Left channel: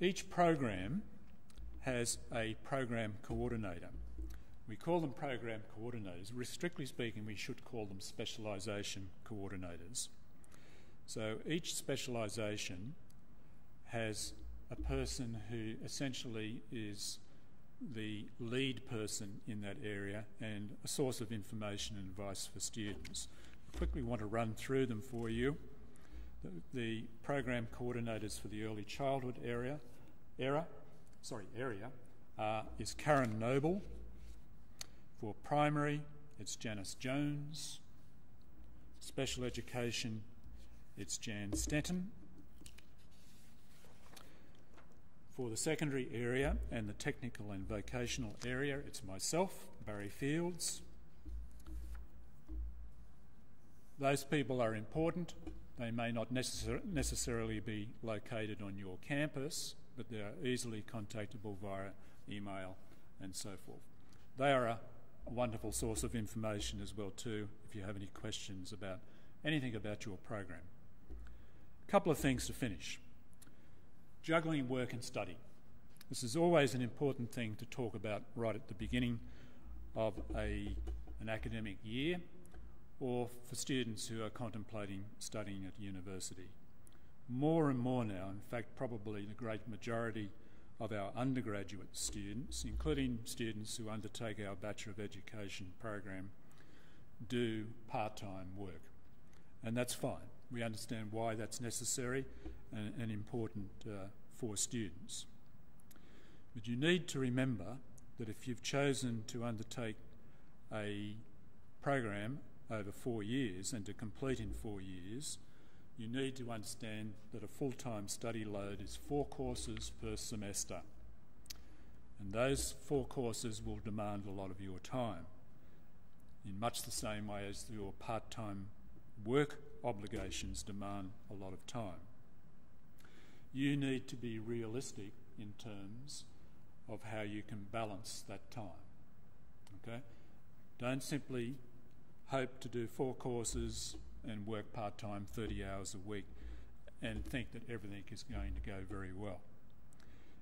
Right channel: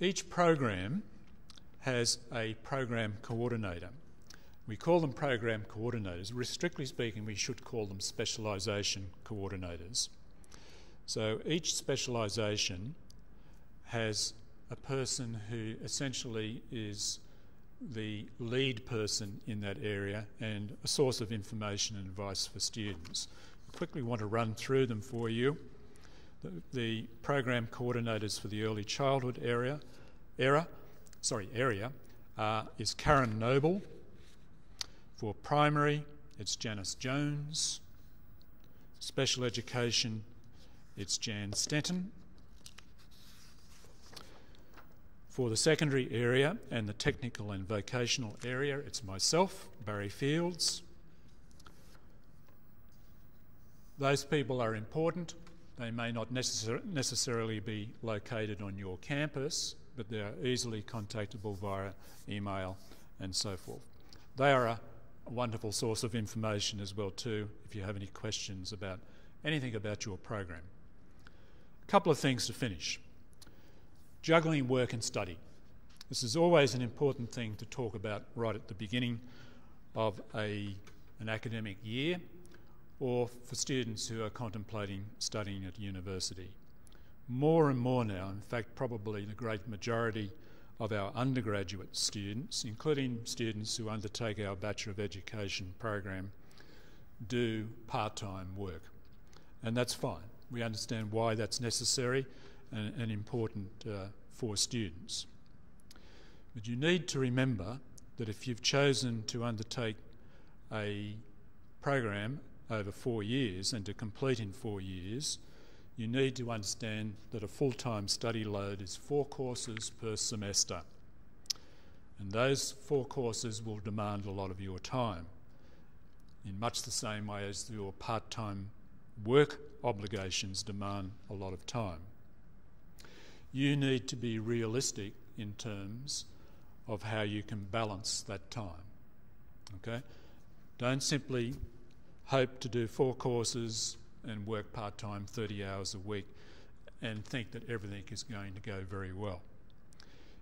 Each program has a program coordinator. We call them program coordinators. Strictly speaking, we should call them specialisation coordinators. So each specialisation has a person who essentially is the lead person in that area and a source of information and advice for students. I quickly want to run through them for you. The program coordinators for the early childhood area is Karen Noble. For primary, it's Janice Jones. Special education, it's Jan Stenton. For the secondary area and the technical and vocational area, it's myself, Barry Fields. Those people are important. They may not necessarily be located on your campus, but they are easily contactable via email and so forth. They are a wonderful source of information as well too if you have any questions about anything about your program. A couple of things to finish. Juggling work and study. This is always an important thing to talk about right at the beginning of an academic year or for students who are contemplating studying at university. More and more now, in fact probably the great majority of our undergraduate students, including students who undertake our Bachelor of Education program, do part-time work. And that's fine. We understand why that's necessary and important for students. But you need to remember that if you've chosen to undertake a program over 4 years and to complete in 4 years, you need to understand that a full-time study load is 4 courses per semester. And those 4 courses will demand a lot of your time, in much the same way as your part-time work obligations demand a lot of time. You need to be realistic in terms of how you can balance that time. Okay? Don't simply hope to do 4 courses and work part-time 30 hours a week and think that everything is going to go very well.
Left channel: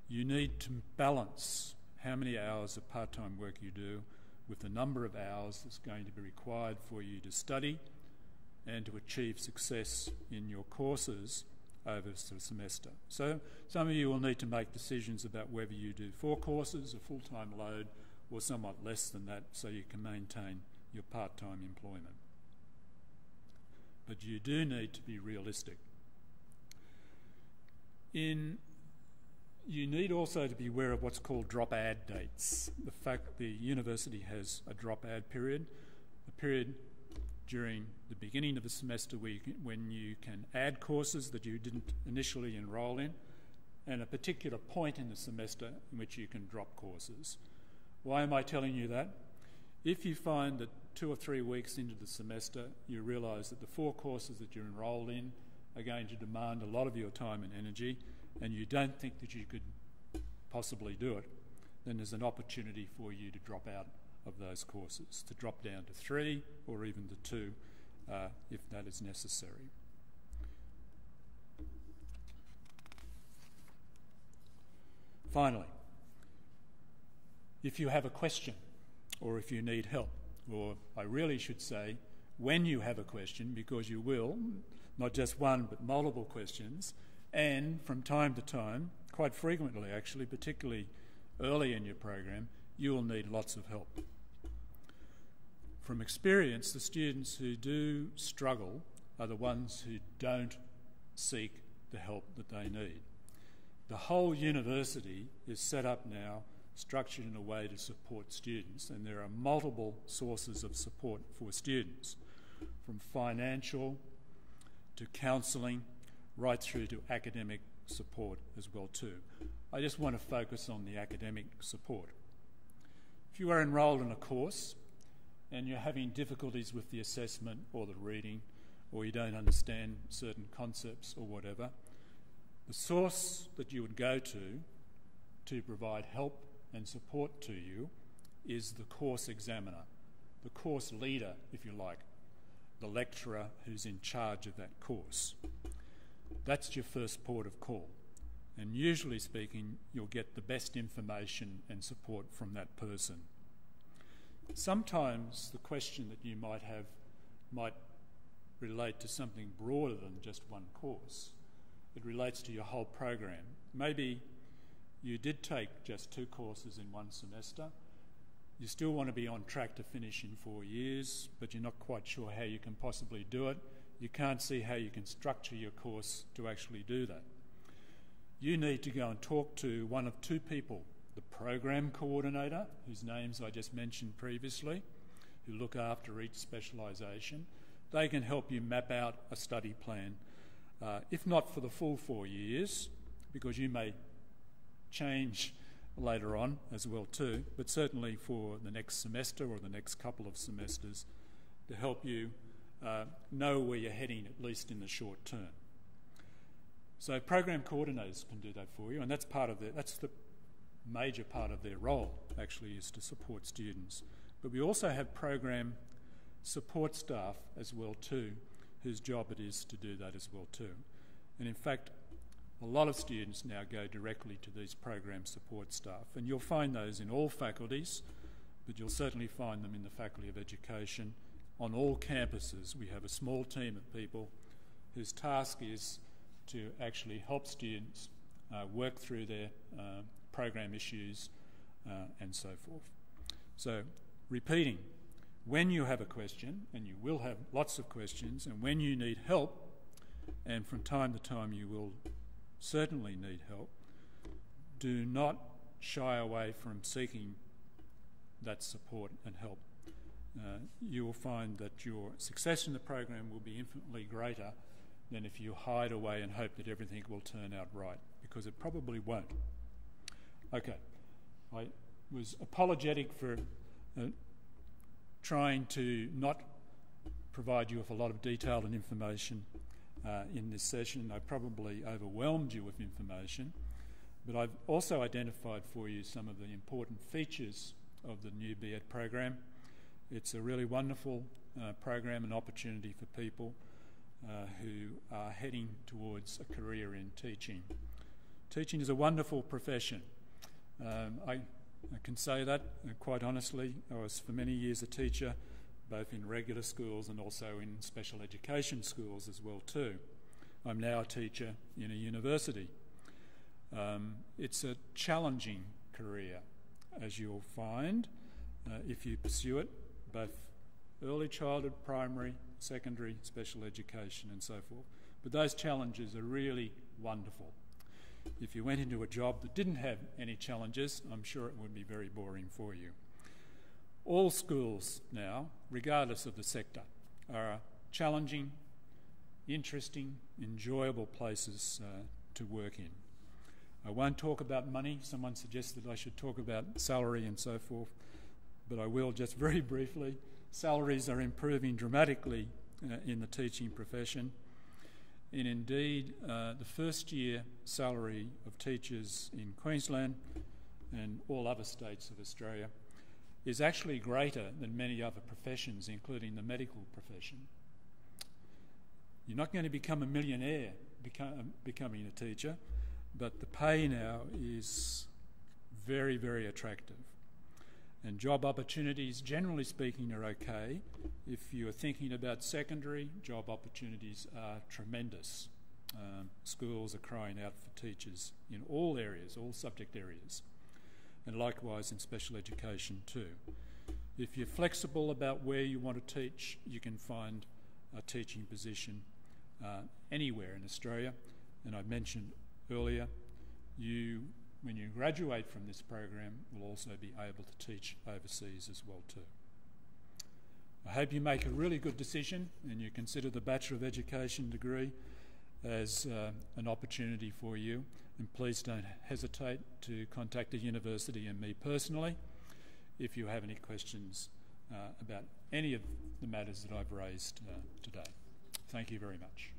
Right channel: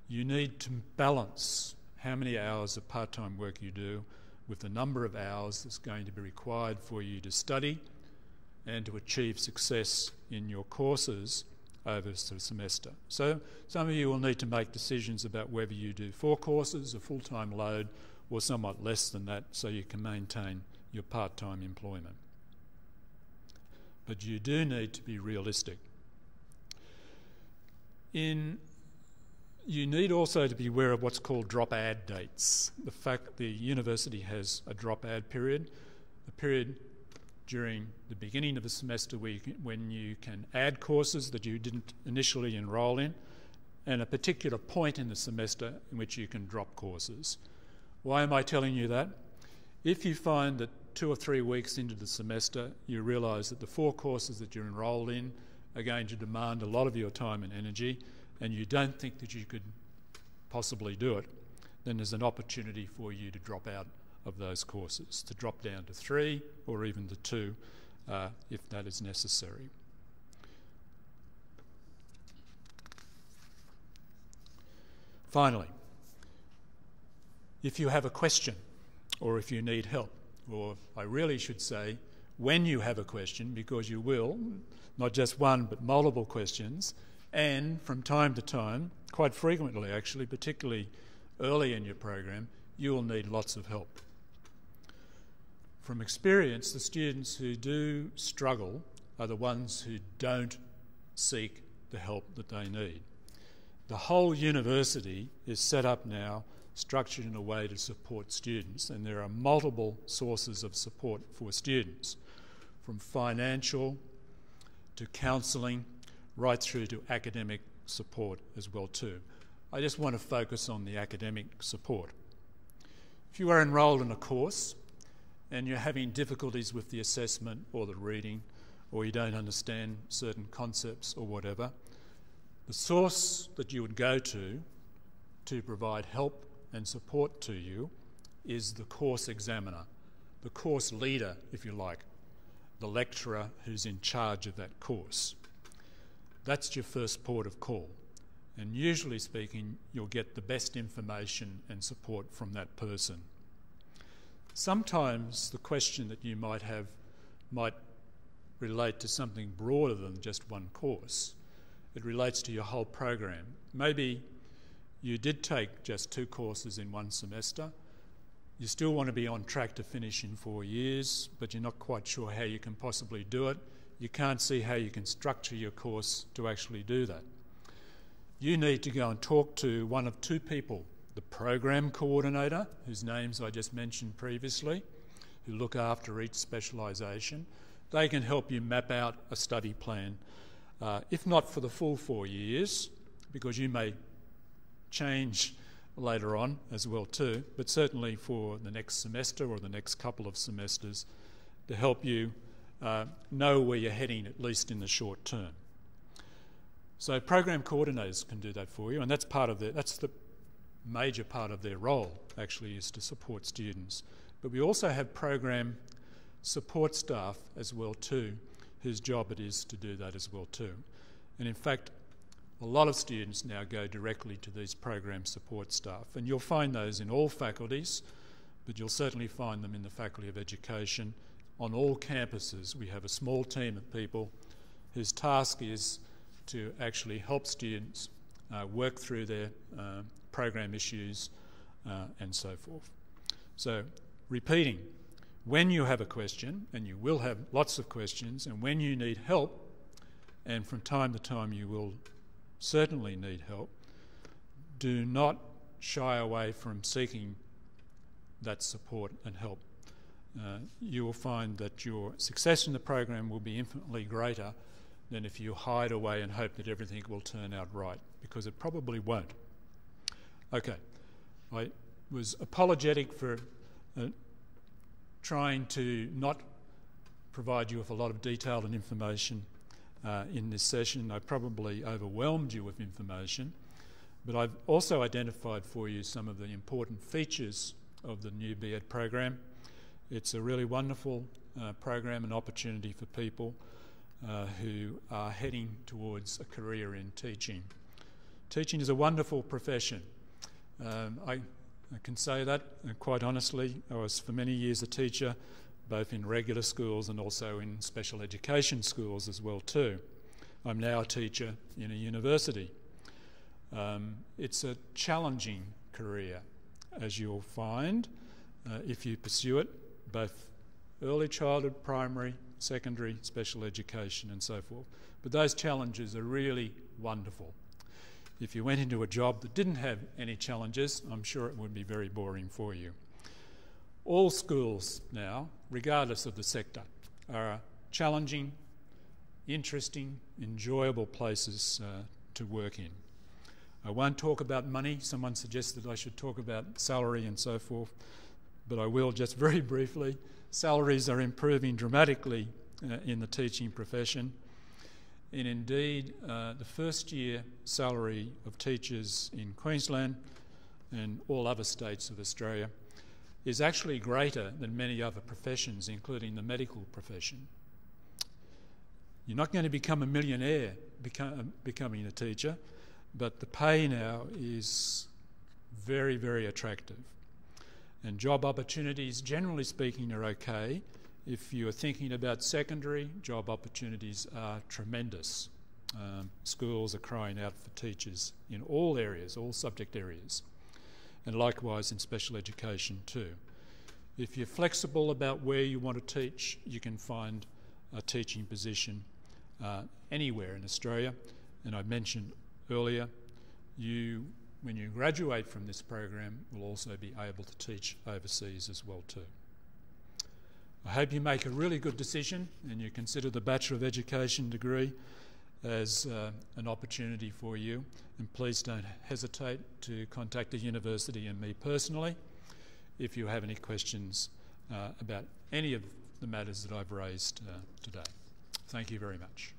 You need to balance how many hours of part-time work you do with the number of hours that's going to be required for you to study and to achieve success in your courses over the semester. So some of you will need to make decisions about whether you do 4 courses, a full-time load, or somewhat less than that so you can maintain your part-time employment. But you do need to be realistic. You need also to be aware of what's called drop-add dates. The fact that the university has a drop-add period, a period during the beginning of the semester when you can add courses that you didn't initially enrol in, and a particular point in the semester in which you can drop courses. Why am I telling you that? If you find that 2 or 3 weeks into the semester you realise that the 4 courses that you're enrolled in are going to demand a lot of your time and energy and you don't think that you could possibly do it, then there's an opportunity for you to drop out of those courses, to drop down to 3 or even to 2 if that is necessary. Finally, if you have a question or if you need help, or I really should say when you have a question, because you will, not just one but multiple questions, and from time to time, quite frequently actually, particularly early in your program, you will need lots of help. From experience, the students who do struggle are the ones who don't seek the help that they need. The whole university is set up now, structured in a way to support students, and there are multiple sources of support for students, from financial to counselling, right through to academic support as well too. I just want to focus on the academic support. If you are enrolled in a course and you're having difficulties with the assessment or the reading, or you don't understand certain concepts or whatever, the source that you would go to provide help and support to you is the course examiner, the course leader, if you like, the lecturer who's in charge of that course. That's your first port of call. And usually speaking, you'll get the best information and support from that person. Sometimes the question that you might have might relate to something broader than just one course. It relates to your whole program. Maybe you did take just 2 courses in one semester. You still want to be on track to finish in 4 years, but you're not quite sure how you can possibly do it. You can't see how you can structure your course to actually do that. You need to go and talk to one of 2 people, the program coordinator, whose names I just mentioned previously, who look after each specialisation. They can help you map out a study plan, if not for the full 4 years, because you may change later on as well too, but certainly for the next semester or the next couple of semesters to help you know where you're heading, at least in the short term. So program coordinators can do that for you, and that's the major part of their role, actually, is to support students. But we also have program support staff as well too, whose job it is to do that as well too. And in fact, a lot of students now go directly to these program support staff, and you'll find those in all faculties, but you'll certainly find them in the Faculty of Education. On all campuses, we have a small team of people whose task is to actually help students work through their program issues and so forth. So, repeating, when you have a question, and you will have lots of questions, and when you need help, and from time to time you will certainly need help, do not shy away from seeking that support and help. You will find that your success in the program will be infinitely greater than if you hide away and hope that everything will turn out right, because it probably won't. Okay, I was apologetic for trying to not provide you with a lot of detail and information in this session. I probably overwhelmed you with information, but I've also identified for you some of the important features of the new BEd program. It's a really wonderful program and opportunity for people who are heading towards a career in teaching. Teaching is a wonderful profession. I can say that quite honestly. I was for many years a teacher, both in regular schools and also in special education schools as well too. I'm now a teacher in a university. It's a challenging career, as you'll find, if you pursue it, both early childhood, primary, secondary, special education and so forth. But those challenges are really wonderful. If you went into a job that didn't have any challenges, I'm sure it would be very boring for you. All schools now, regardless of the sector, are challenging, interesting, enjoyable places to work in. I won't talk about money. Someone suggested I should talk about salary and so forth, but I will just very briefly. Salaries are improving dramatically in the teaching profession. And indeed, the first year salary of teachers in Queensland and all other states of Australia is actually greater than many other professions, including the medical profession. You're not going to become a millionaire becoming a teacher, but the pay now is very, very attractive. And job opportunities, generally speaking, are okay. If you're thinking about secondary, job opportunities are tremendous. Schools are crying out for teachers in all areas, all subject areas, and likewise in special education too. If you're flexible about where you want to teach, you can find a teaching position anywhere in Australia. And I mentioned earlier, when you graduate from this program, will also be able to teach overseas as well too. I hope you make a really good decision and you consider the Bachelor of Education degree as an opportunity for you. And please don't hesitate to contact the university and me personally if you have any questions about any of the matters that I've raised today. Thank you very much.